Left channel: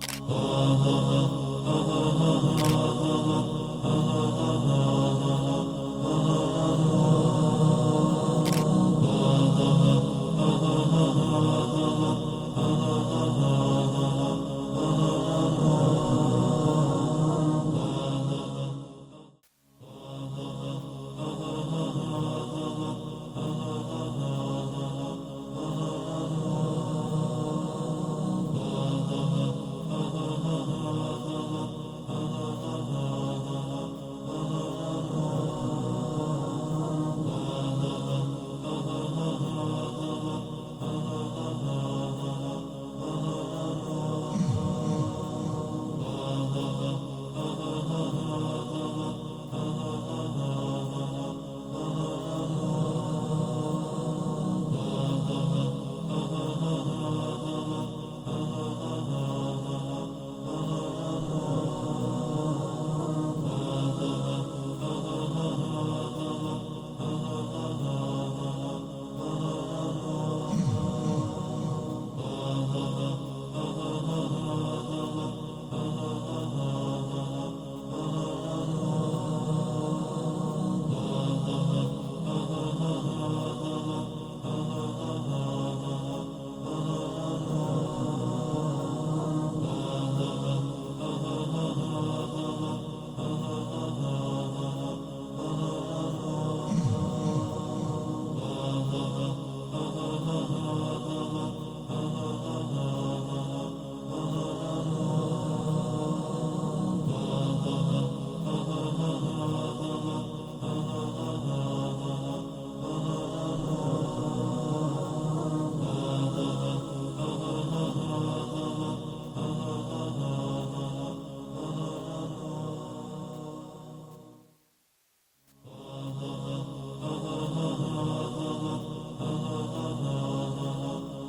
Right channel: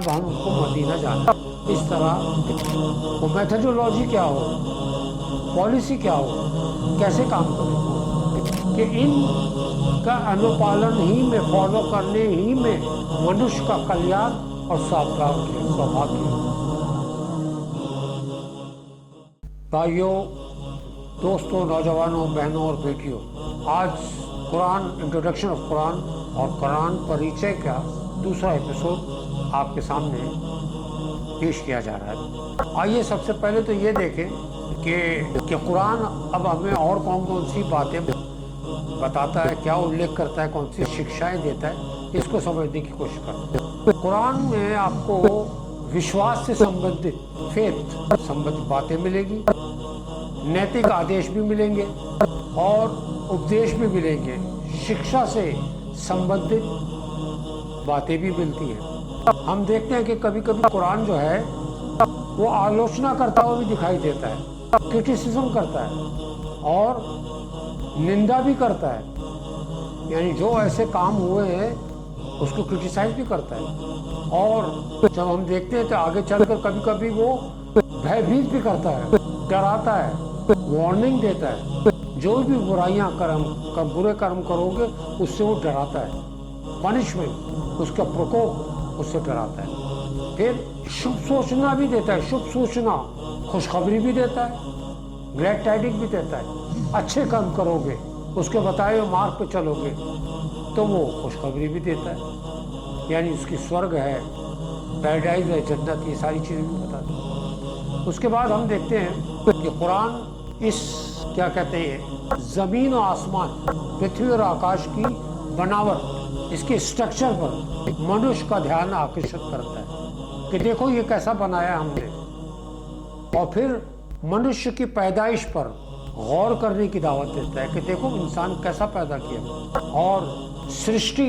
अब हमको मदीना जाना है। इस तरह वो मेथडोलॉजी क्या हो, पॉलिसी क्या हो, कैसे काम करें कि इन का अनुपालन ही में, फॉलो करने ही में मनुष्य का कल्याण और सौभाग्य। भाइयों, दोस्तों, नौजवानों, बहनों और बेटियों, आज कुरान, इंट्रोडक्शन ऑफ कुरान और कुरान परिचय का दूसरा एपिसोड आपके सामने पेश किया जा रहा है। आइए सबसे पहले तो ये देखें कि कुरान अब हमें और कौन कौन सी बातें बताता है, क्या उल्लेख करता है, कौन सी शिक्षाएं देता है, इसको समझने की कोशिश करते हैं। कुरान में आपको विश्वास से संबंधित, फेथ संबंधित बातें मिलेगी, नैतिक आदेश भी मिलेंगे और उपदेश भी मिलेंगे, शिक्षा से संबंधित बातें भी मिलती हैं। हम देखते हैं कि कभी कभी कुरान जो है वो आलोचना करता हुआ भी दिखाई देता है, क्रिटिसिज्म करता है और निंदा भी करता है, यानी जो ऐसे काम हुए हैं उसको क्रिटिसाइज भी करता है। और जब हम देखते हैं तो आगे चलकर कभी कभी वो भयभीत भी करता है, डराता है, वार्निंग देता है। जो भी बुराइयां बुरे कर्म करोगे उससे वो डराता है, पनिशमेंट, उसका प्रकोप उससे डराता है। फिर शुभ सूचना भी देता है, शुभ सूचना, खुशखबरी भी देता है, ग्रेट टाइडिंग भी देता है। अच्छे कर्म करोगे, उसके बताए हुए मार्ग पे चलोगे तो वो खुशखबरी भी देता है, यानी उसकी स्वर्ग है, पैराडाइज है, जन्नत, ये सारी चीज़ें भी बताता है। उसके बाद हम देखते हैं कि कुरान इस क्या कहते हैं, ज़मीन और आसमान, पृथ्वी और आकाश की बनावट, इसके स्ट्रक्चर पर मनुष्य का ध्यान आकर्षित करता है कि देखो ये कैसा बनाया हमने, और फिर मनुष्य की पैदाइश पर गौर करने की दावत देता है कि देखो इंसान कैसा पैदा किया, और सृष्टि,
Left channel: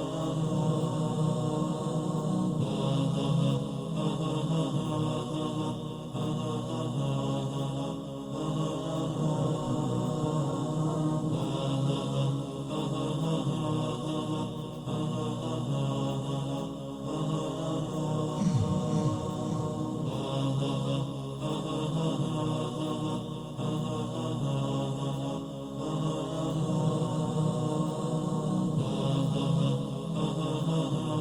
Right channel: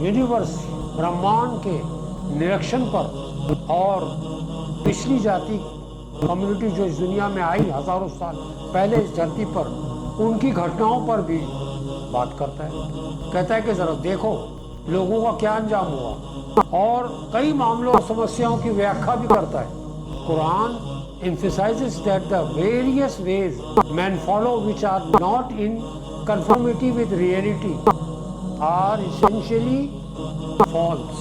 यूनिवर्स, ब्रह्मांड के निरीक्षण पर और पिछली जाति कम्युनिटी जो इस दुनिया में आई हजारों साल पहले इस धरती पर, उनकी घटनाओं पर भी बात करता है। कहता है कि जरा देखो लोगों का क्या अंजाम हुआ, और कई मामलों और समस्याओं की व्याख्या भी करता है। Quran emphasizes that the various ways men follow which are not in conformity with reality are essentially false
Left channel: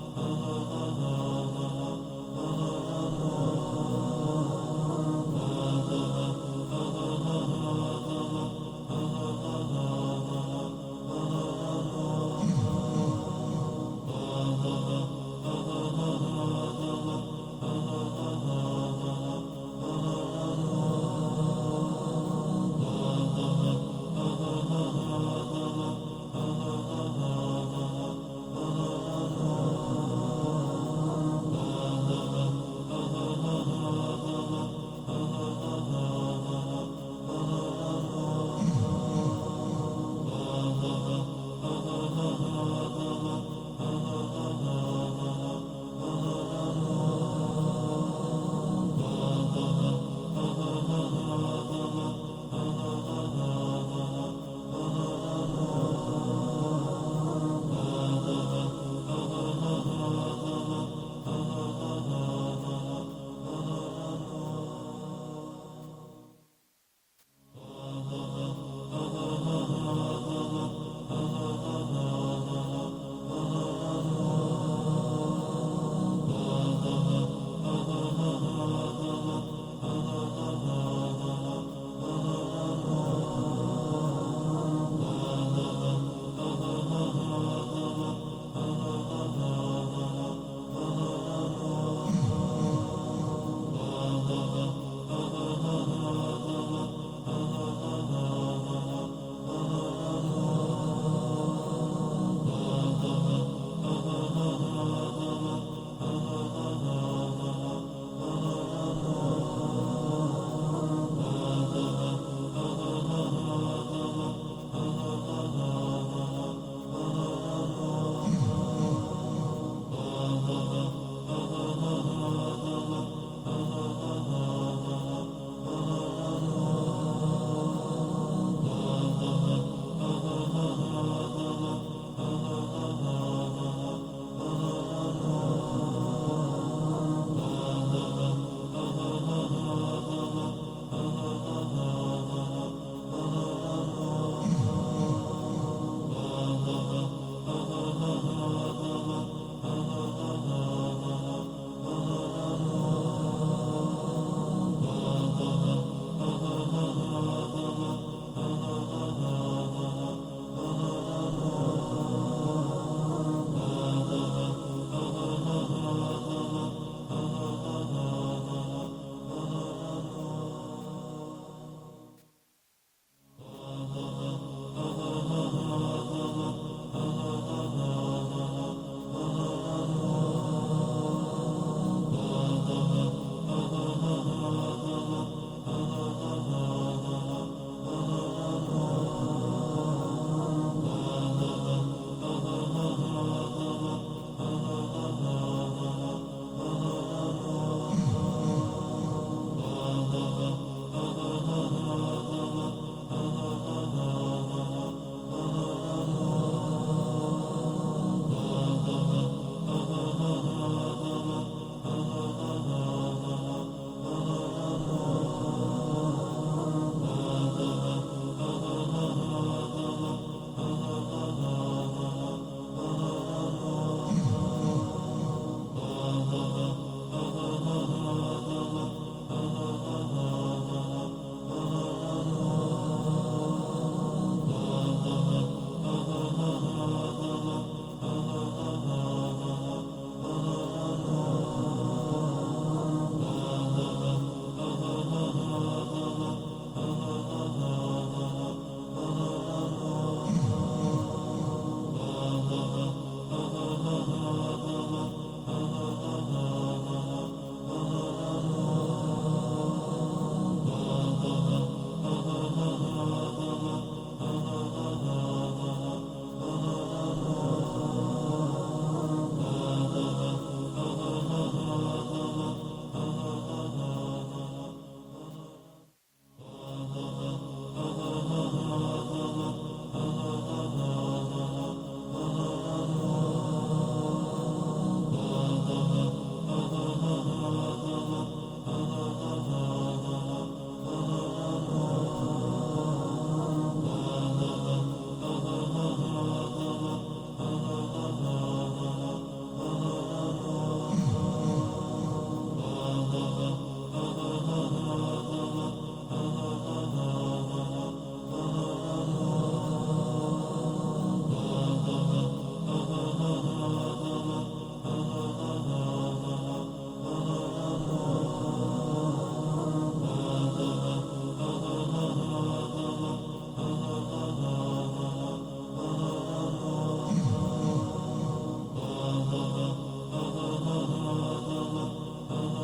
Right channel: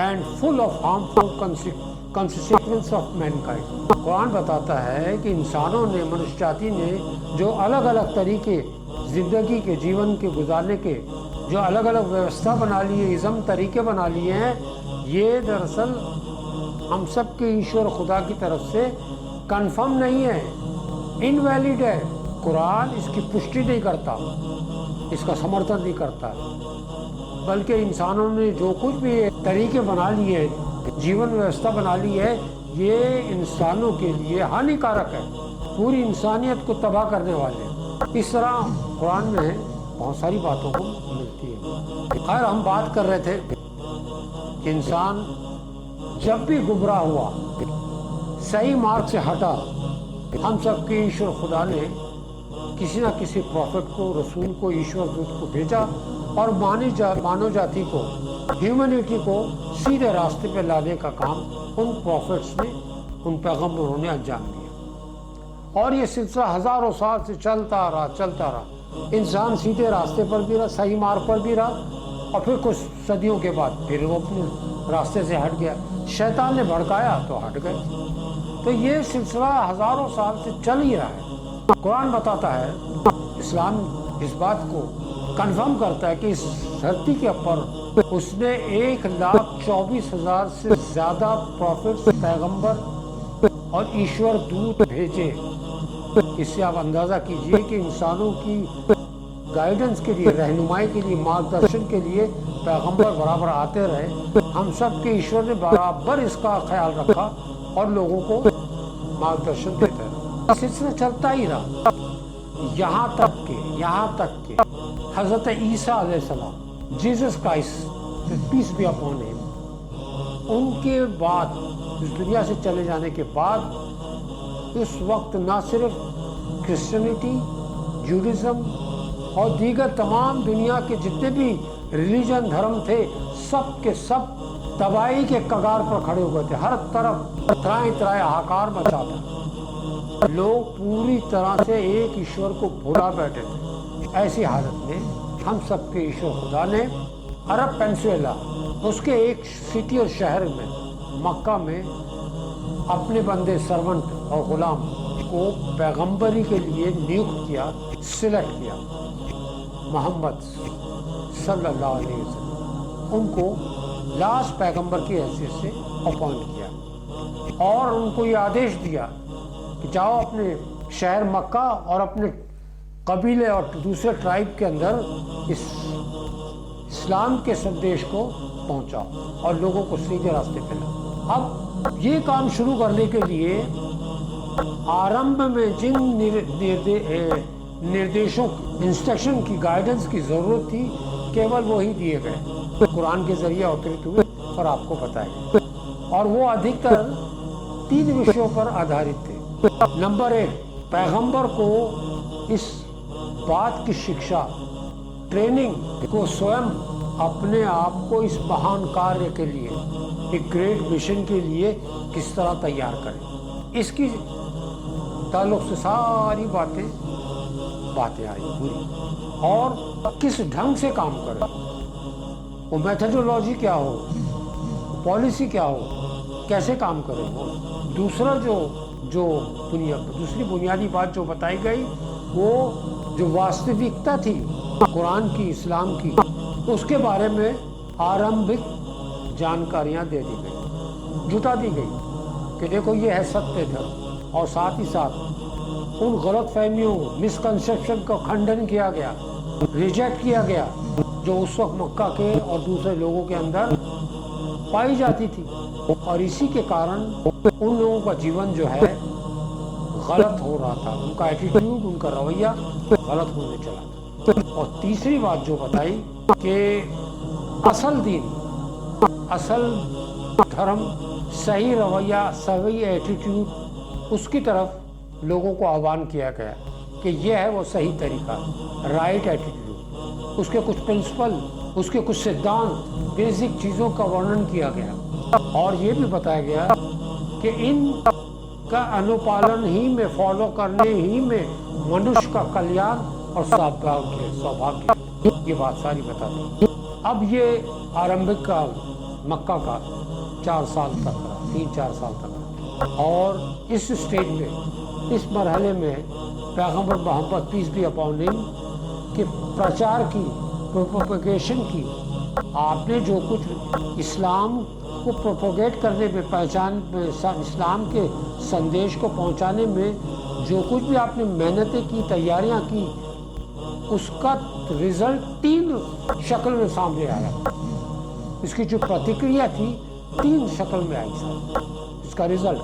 and full of harmful consequences of mankind. Quran बताता है कि इंसानों ने, मनुष्य जाति ने जो अलग अलग तरीके जिंदगी के, जीवन के गुजारने के जो अलग अलग व्यवस्था बना ली है, इज़्म तरीके बना लिए हैं, ये दरअसल हम सब के ईश्वर खुदा की तरफ से कंफर्म नहीं है, इनवैलिड है। कुरान इसकी पुष्टि नहीं करता, इसका समर्थन नहीं करता, बल्कि इंसानों ने जो कुछ भी तरीके बना लिए, जीवन व्यवस्था बना ली है, ये इंसानों के लिए हानिकारक है, पूरी इंसानियत को तबाह करने वाले। इस तरह कुरान में बहुत सारी बातों को मिलती है। खैर, हम बात कर रहे थे कि इंसान जब भी गुमराह हुआ, सही मार्ग से हटा, हम सबके ईश्वर खुदा ने किसी न किसी प्रॉफिट को, रसूल को, ईश्वर दूत को भेजा और मानव जाति को, ह्यूमैनिटी को सीधे रास्ते पे लाने का काम उन प्रॉफिट्स ने, उन पैगंबरों ने अंजाम दिया। और ये सिलसिला हजारों साल से चलता रहा। इंसान सीधे रास्ते पर भी रहा, सही मार्ग पर भी रहा, और फिर कुछ सदियों के बाद फिर वो अपने रास्ते से हट गया, शैतान ने भड़काया तो हट गए। तो ये सिलसिला हजारों साल से चल ही रहा है। कुरान बताता है, इस्लाम इस बात को कंफर्म करता है कि इस धरती के ऊपर उसने 1,24,000 से ज़्यादा प्रॉफिट, पैगंबर और ईश्वर दूत भेजे। इससे आप अंदाज़ा कीजिए कि इंसानों की गाइडेंस के लिए, रहनुमाई के लिए, मार्गदर्शन के लिए पैगंबर बराबर आते रहे। हम सब के ईश्वर ने बराबर इसका ख्याल रखा और लोगों को मार्गदर्शन देते रहे। सिलसिला चलता ही रहा, यहाँ तक के हज़रत ईसा अलैहिस्सलाम, Jesus Christ, peace be upon him, उनके बाद, इस दुनिया से चले जाने के बाद, इस वक्त ना सिर्फ क्रिश्चियनिटी, जूडिज्म और दीगर तमाम दुनिया के जितने भी रिलीजन, धर्म थे, सब के सब तबाही के कगार पर खड़े हुए थे। हर तरफ त्राए त्राए हाहाकार मचा था। लोग पूरी तरह से एक ईश्वर को भुला बैठे थे। ऐसी हालत में हम सबके ईश्वर खुदा ने अरब पेनिनसुला उसके एक सिटी और शहर में मक्का में अपने बंदे सर्वेंट और गुलाम को पैगंबरी के लिए नियुक्त किया, सिलेक्ट किया। मोहम्मद सल्लल्लाहु अलैहि वसल्लम उनको लास्ट पैगंबर की हैसियत से अपॉइंट किया और उनको ये आदेश दिया कि जाओ अपने शहर मक्का और अपने कबीले और दूसरे ट्राइब के अंदर इस्लाम के संदेश को पहुंचाओ और लोगों को सीधे रास्ते पे लाओ। अब ये काम शुरू करने के लिए आरंभ में जिन निर्देशों इंस्ट्रक्शन की गाइडेंस की ज़रूरत थी केवल वही दिए गए, कुरान के जरिए अवतरित हुए और आपको बताए, और वो अधिकतर 3 विषयों पर आधारित थे। नंबर 1, पैगंबर को इस बात की शिक्षा, ट्रेनिंग को स्वयं अपने आप को इस महान कार्य के लिए, एक ग्रेट मिशन के लिए किस तरह तैयार करें, इसकी ताल्लुक से सारी बातें आई और किस ढंग से काम करें, वो मेथोडोलॉजी क्या हो, पॉलिसी क्या हो, कैसे काम करें। दूसरा दूसरी बुनियादी बात जो बताई गई वो जो वास्तविकता थी कुरान की, इस्लाम की, उसके बारे में आरंभिक जानकारियां दे दी गई, जुटा दी गई कि देखो ये है सत्य था, और साथ ही साथ उन गलत फहमियों, मिसकंसेप्शन का खंडन किया गया, रिजेक्ट किया गया जो उस वक्त मक्का के और दूसरे लोगों के अंदर पाई जाती थी, और इसी के कारण उन लोगों का जीवन जो है गलत हो रहा था, उनका एटीट्यूड, उनका रवैया गलत होने चला। और तीसरी बात जो बताई कि असल दीन, असल धर्म, सही रवैया, सही एटीट्यूड, उसकी तरफ लोगों को आह्वान किया गया कि यह है वो सही तरीका, राइट एटीट्यूड, उसके कुछ प्रिंसिपल, उसके कुछ सिद्धांत, बेसिक चीज़ों का वर्णन किया गया, और ये भी बताया गया कि इन का अनुपालन ही में, फॉलो करने ही में मनुष्य का कल्याण और सौभाग्य, ये बात सारी बताती। अब ये आरंभिक का मक्का का 4 साल तक, 3-4 साल तक, और इस स्टेज में, इस मरहले में पैगंबर Muhammad peace be upon him के प्रचार की, प्रोपेगेशन की, आपने जो कुछ इस्लाम को प्रोपोगेट करने में, पहचान इस्लाम के संदेश को पहुंचाने में जो कुछ भी आपने मेहनतें की, तैयारियां की, उसका रिजल्ट 3 शक्ल में सामने आया। इसकी जो प्रतिक्रिया थी 3 शक्ल में आई सामने। इसका रिजल्ट,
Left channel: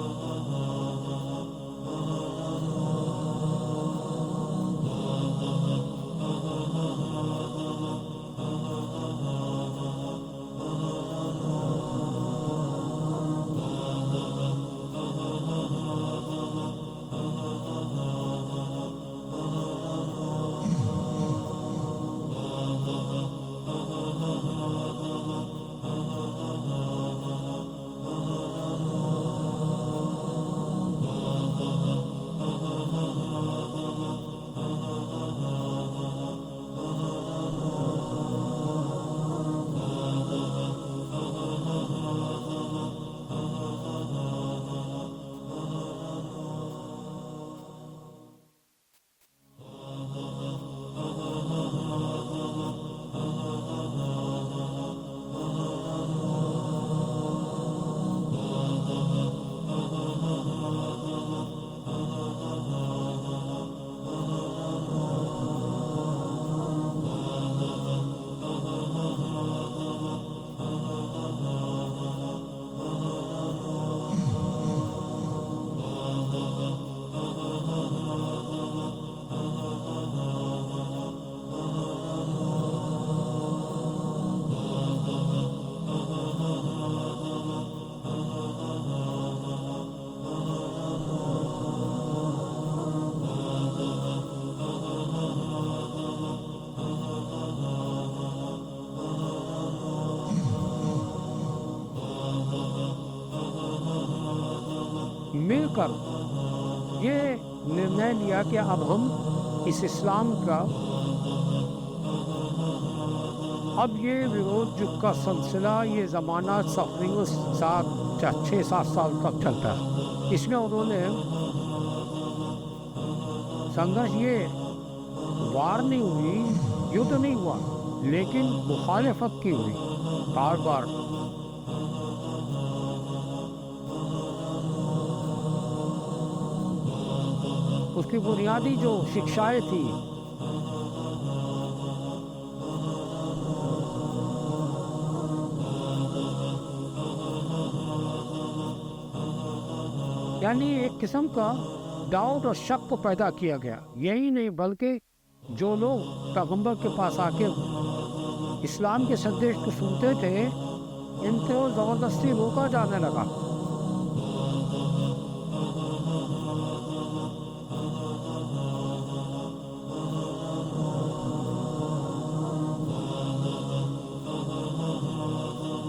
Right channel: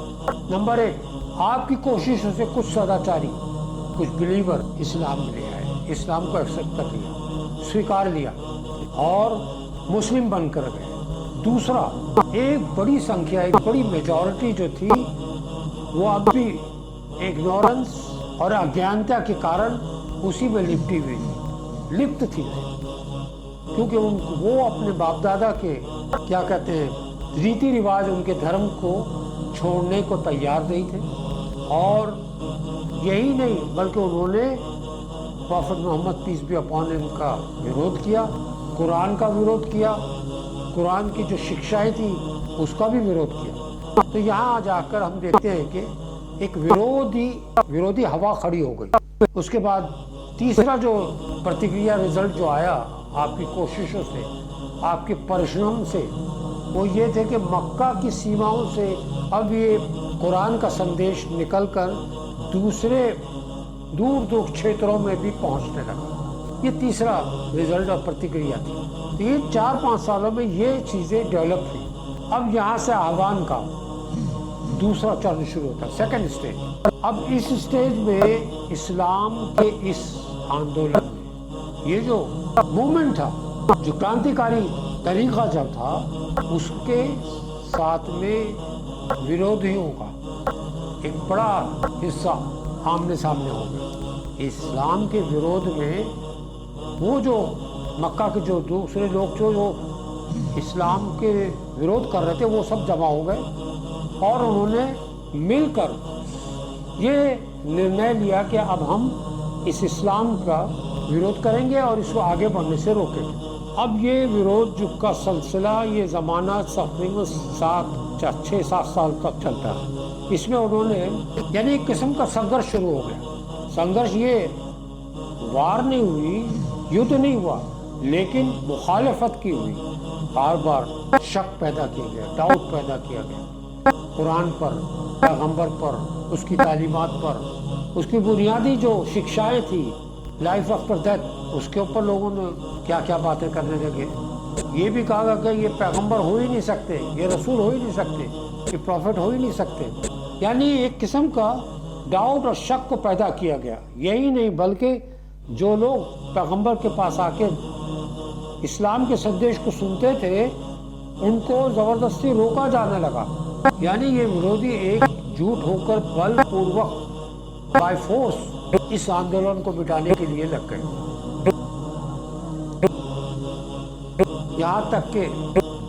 नंबर 1, आपकी कोशिशों से कुछ सदाचारी, कुछ बिलीवर इस्लाम में आए, इस्लाम को एक्सेप्ट कर लिया, स्वीकार लिया और मुस्लिम बनकर गए। दूसरा, एक बड़ी संख्या, एक बड़ी मेजॉरिटी जो थी वो अब भी इग्नोरेंस और अज्ञानता के कारण उसी में लिप्त थी, क्योंकि वो अपने बाप दादा के, क्या कहते हैं, रीति रिवाज, उनके धर्म को छोड़ने को तैयार नहीं थे। और यही नहीं बल्कि उन्होंने prophet Muhammad peace be upon him का विरोध किया, कुरान का विरोध किया, कुरान की जो शिक्षाएं थी उसका भी विरोध किया। तो यहाँ जाकर हम देखते हैं कि एक विरोधी हवा खड़ी हो गई। उसके बाद तीसरा जो प्रतिक्रिया, रिजल्ट जो आया आपकी कोशिशों से, आपके परिश्रम से, वो ये थे कि मक्का की सीमाओं से अब ये कुरान का संदेश निकलकर दूसरे दूर दूर क्षेत्रों में भी पहुंचने लगा। ये तीसरा रिजल्ट और प्रतिक्रिया थी। ये 4-5 सालों में ये चीज़ें डेवलप हुई। अब यहाँ से आह्वान का दूसरा चरण शुरू होता है, सेकंड स्टेज। अब इस स्टेज में इस्लाम के इस आंदोलन में ये जो मूवमेंट था, जो क्रांतिकारी तरीका जब था, उसके साथ में विरोधियों का एक बड़ा हिस्सा आमने सामने हो गया। इस्लाम के विरोध में वो जो मक्का के जो दूसरे लोग जो इस्लाम के विरोध कर रहे थे वो सब जमा हो गए और उन्होंने मिलकर ये निर्णय लिया कि अब हम इस इस्लाम का विरोध करेंगे और इसको आगे बढ़ने से रोकेंगे। अब ये विरोध जो का सिलसिला, ये ज़माना तकरीबन 6-7 साल तक चलता है। इसमें उन्होंने यानी एक किस्म का संघर्ष शुरू हो गया। संघर्ष ये वार नहीं हुई, युद्ध नहीं हुआ, लेकिन मुखालफत की हुई। बार बार शक पैदा किया गया, डाउट पैदा किया गया कुरान पर, पैगंबर पर, उसकी तालीमात पर, उसकी बुनियादी जो शिक्षाएं थी लाइफ आफ्टर डेथ, उसके ऊपर लोगों ने क्या क्या बातें करने लगे। ये भी कहा गया कि ये पैगंबर हो ही नहीं सकते, ये रसूल हो ही नहीं सकते, ये प्रॉफिट हो ही नहीं सकते। यानी एक किस्म का डाउट और शक को पैदा किया गया। यही नहीं बल्कि जो लोग पैगंबर के पास आके इस्लाम के संदेश को सुनते थे उनको ज़बरदस्ती रोका जाने लगा। यानी ये विरोधी एकजुट होकर बलपूर्वक बाय फोर्स इस आंदोलन को मिटाने के लिए लग गए। यहाँ तक कि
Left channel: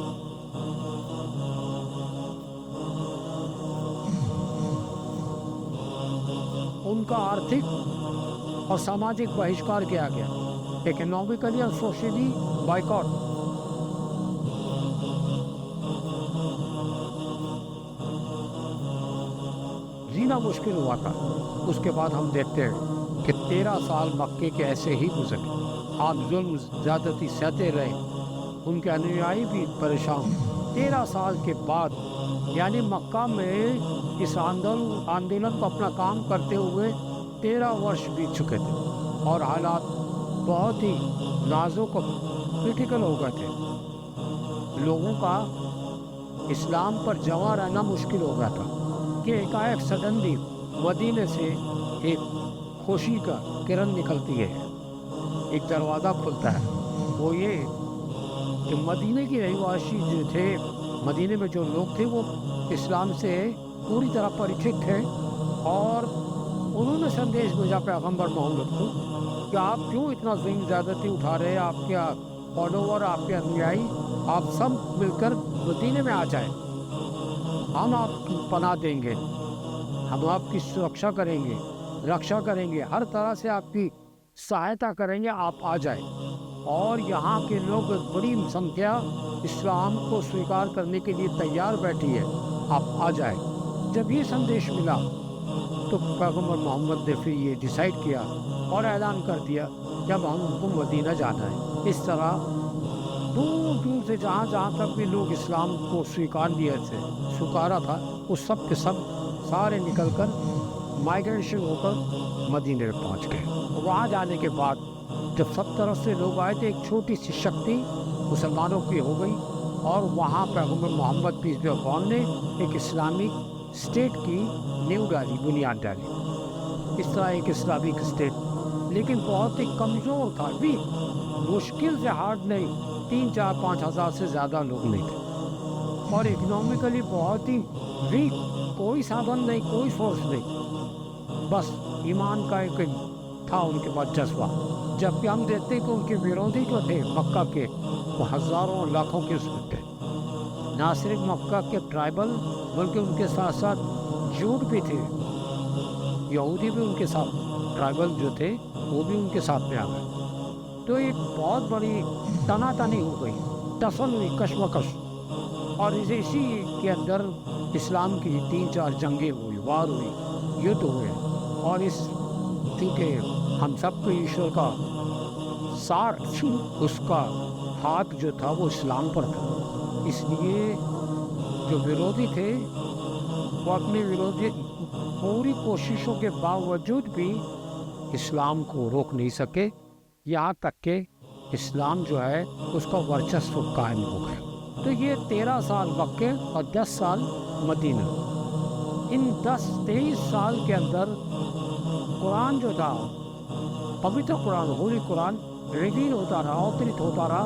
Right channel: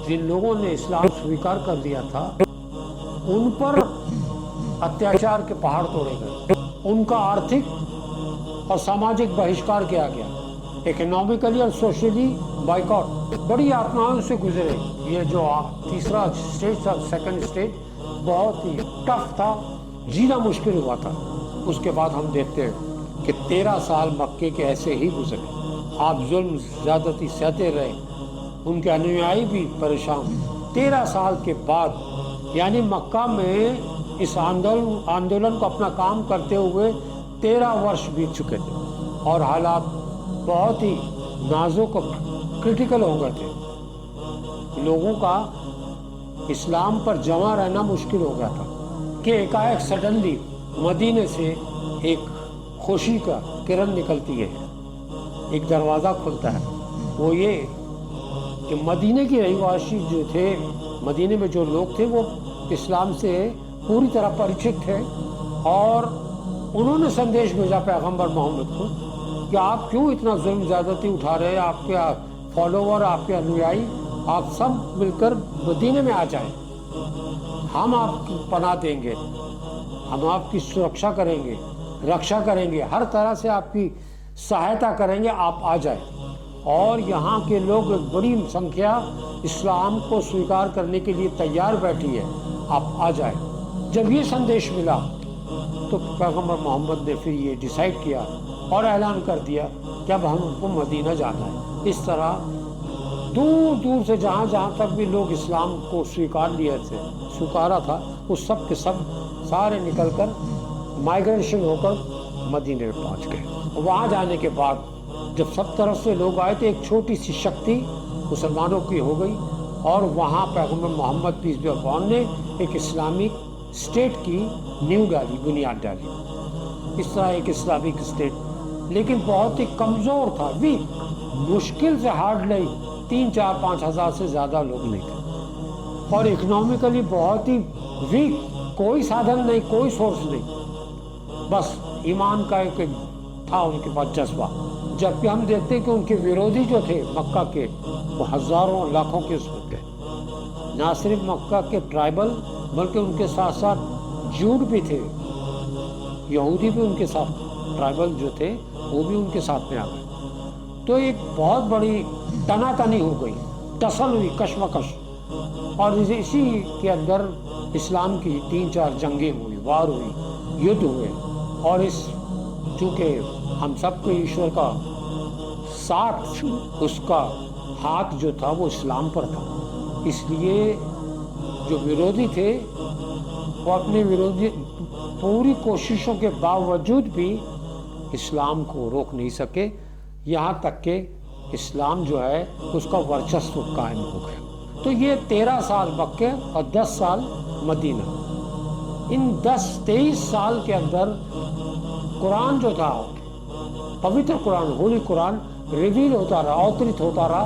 जिन लोगों ने इस्लाम स्वीकार कर दिया था उन पर अत्याचार के पहाड़ तोड़े गए, उनका आर्थिक और सामाजिक बहिष्कार किया गया, इकोनॉमिकली और सोशली बाइकॉट। बड़ी यातनाओं से गुजरे। ये जो तीसरा स्टेज था, सेकंड स्टेज, बहुत ही टफ था, जीना मुश्किल हुआ था। उसके बाद हम देखते हैं कि 13 साल मक्के के ऐसे ही गुजरे। आप जुल्म ज़्यादती सहते रहे, उनके अनुयायी भी परेशान। 13 साल के बाद यानी मक्का में इस आंदोलन को अपना काम करते हुए 13 वर्ष बीत चुके थे और हालात बहुत ही नाजुक और क्रिटिकल हो गए थे। लोगों का इस्लाम पर जमा रहना मुश्किल हो गया था कि एकाएक सडनली मदीने से एक खुशी का किरण निकलती है, एक दरवाज़ा खुलता है। वो ये कि मदीने के रहवासी जो थे, मदीने में जो लोग थे वो इस्लाम से पूरी तरह परिचित थे और उन्होंने संदेश भेजा पैगंबर मोहम्मद को कि आप क्यों इतना जुल्म ज़्यादती उठा रहे हैं, आपके फॉलोवर, आपके अनुयायी, आप सब मिलकर मदीने में आ जाएं, हम आपकी पनाह देंगे, हम आपकी सुरक्षा करेंगे, रक्षा करेंगे, हर तरह से आपकी सहायता करेंगे, आप आ जाएं। और यहाँ के लोग बड़ी संख्या इस्लाम को स्वीकार करने के लिए तैयार बैठी है, आप आ जाएं। जब ये संदेश मिला तो पैगंबर मोहम्मद ने फिर ये डिसाइड किया और ऐलान कर दिया कि अब हमको मदीना जाना है। इस तरह दूर दूर से जहाँ जहाँ तक भी लोग इस्लाम को स्वीकारा था, उस सब के सब सारे निकलकर माइग्रेशन होकर मदीने में पहुँच गए। वहाँ जाने के बाद जब सब तरफ से लोग आए थे, एक छोटी सी शक्ति मुसलमानों की हो गई और वहाँ पैगंबर मोहम्मद पीस बी अपॉन ने एक इस्लामिक स्टेट की नींव डाली, बुनियाद डाली। इस तरह एक इस्लामिक स्टेट, लेकिन बहुत ही कमज़ोर था, वीक, मुश्किल से हार्ड नहीं, 3-4-5 हज़ार से ज़्यादा लोग नहीं थे और इकोनॉमिकली बहुत ही वीक, कोई साधन नहीं, कोई सोर्स नहीं, बस ईमान का एक था उनके पास जज्बा। जबकि हम देखते हैं कि उनके विरोधी जो थे मक्का के, वो हज़ारों लाखों के उसमें थे। ना सिर्फ मक्का के ट्राइबल बल्कि उनके साथ साथ जूड भी थे, यहूदी भी उनके साथ, ट्राइबल जो थे वो भी उनके साथ में आ गए। तो एक बहुत बड़ी तनातनी हो गई, टसल हुई, कशमकश। और इसी के अंदर इस्लाम की 3-4 जंगें हुई, वार हुई, युद्ध हुए। और इस चूँकि हम सबको ईश्वर का साथ, उसका हाथ जो था वो इस्लाम पर था, इसलिए जो विरोधी थे वो अपने विरोधी पूरी कोशिशों के बावजूद भी इस्लाम को रोक नहीं सके। यहाँ तक कि इस्लाम जो है उसका वर्चस्व कायम हो गया। तो ये 13 साल मक्के और 10 साल मदीना, इन 10-23 साल के अंदर कुरान जो था, पवित्र कुरान, होली कुरान रिवील होता रहा, अवतरित होता रहा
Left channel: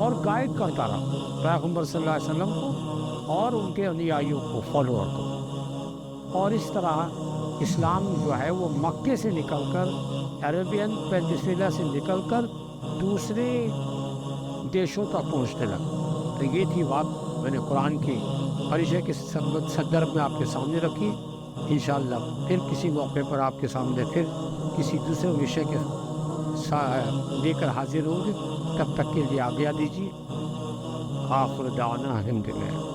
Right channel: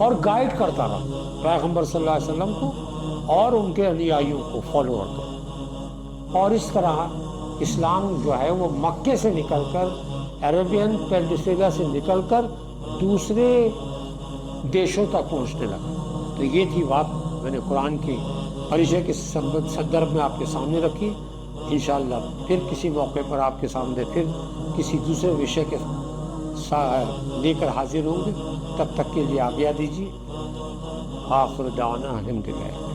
और गाइड करता रहा पैगंबर सल्लल्लाहु अलैहि वसल्लम को और उनके अनुयायियों को, फॉलोअर को। और इस तरह इस्लाम जो है वो मक्के से निकलकर, अरेबियन पेनिनसुला से निकलकर दूसरे देशों तक पहुंचने लगा। तो ये थी बात, मैंने कुरान के परिचय के संदर्भ में आपके सामने रखी। इंशाअल्लाह फिर किसी मौके पर आपके सामने फिर किसी दूसरे विषय के लेकर हाजिर होंगे। तब तक के लिए आज्ञा दीजिए। आखिर दाना अल्हम्दुलिल्लाह।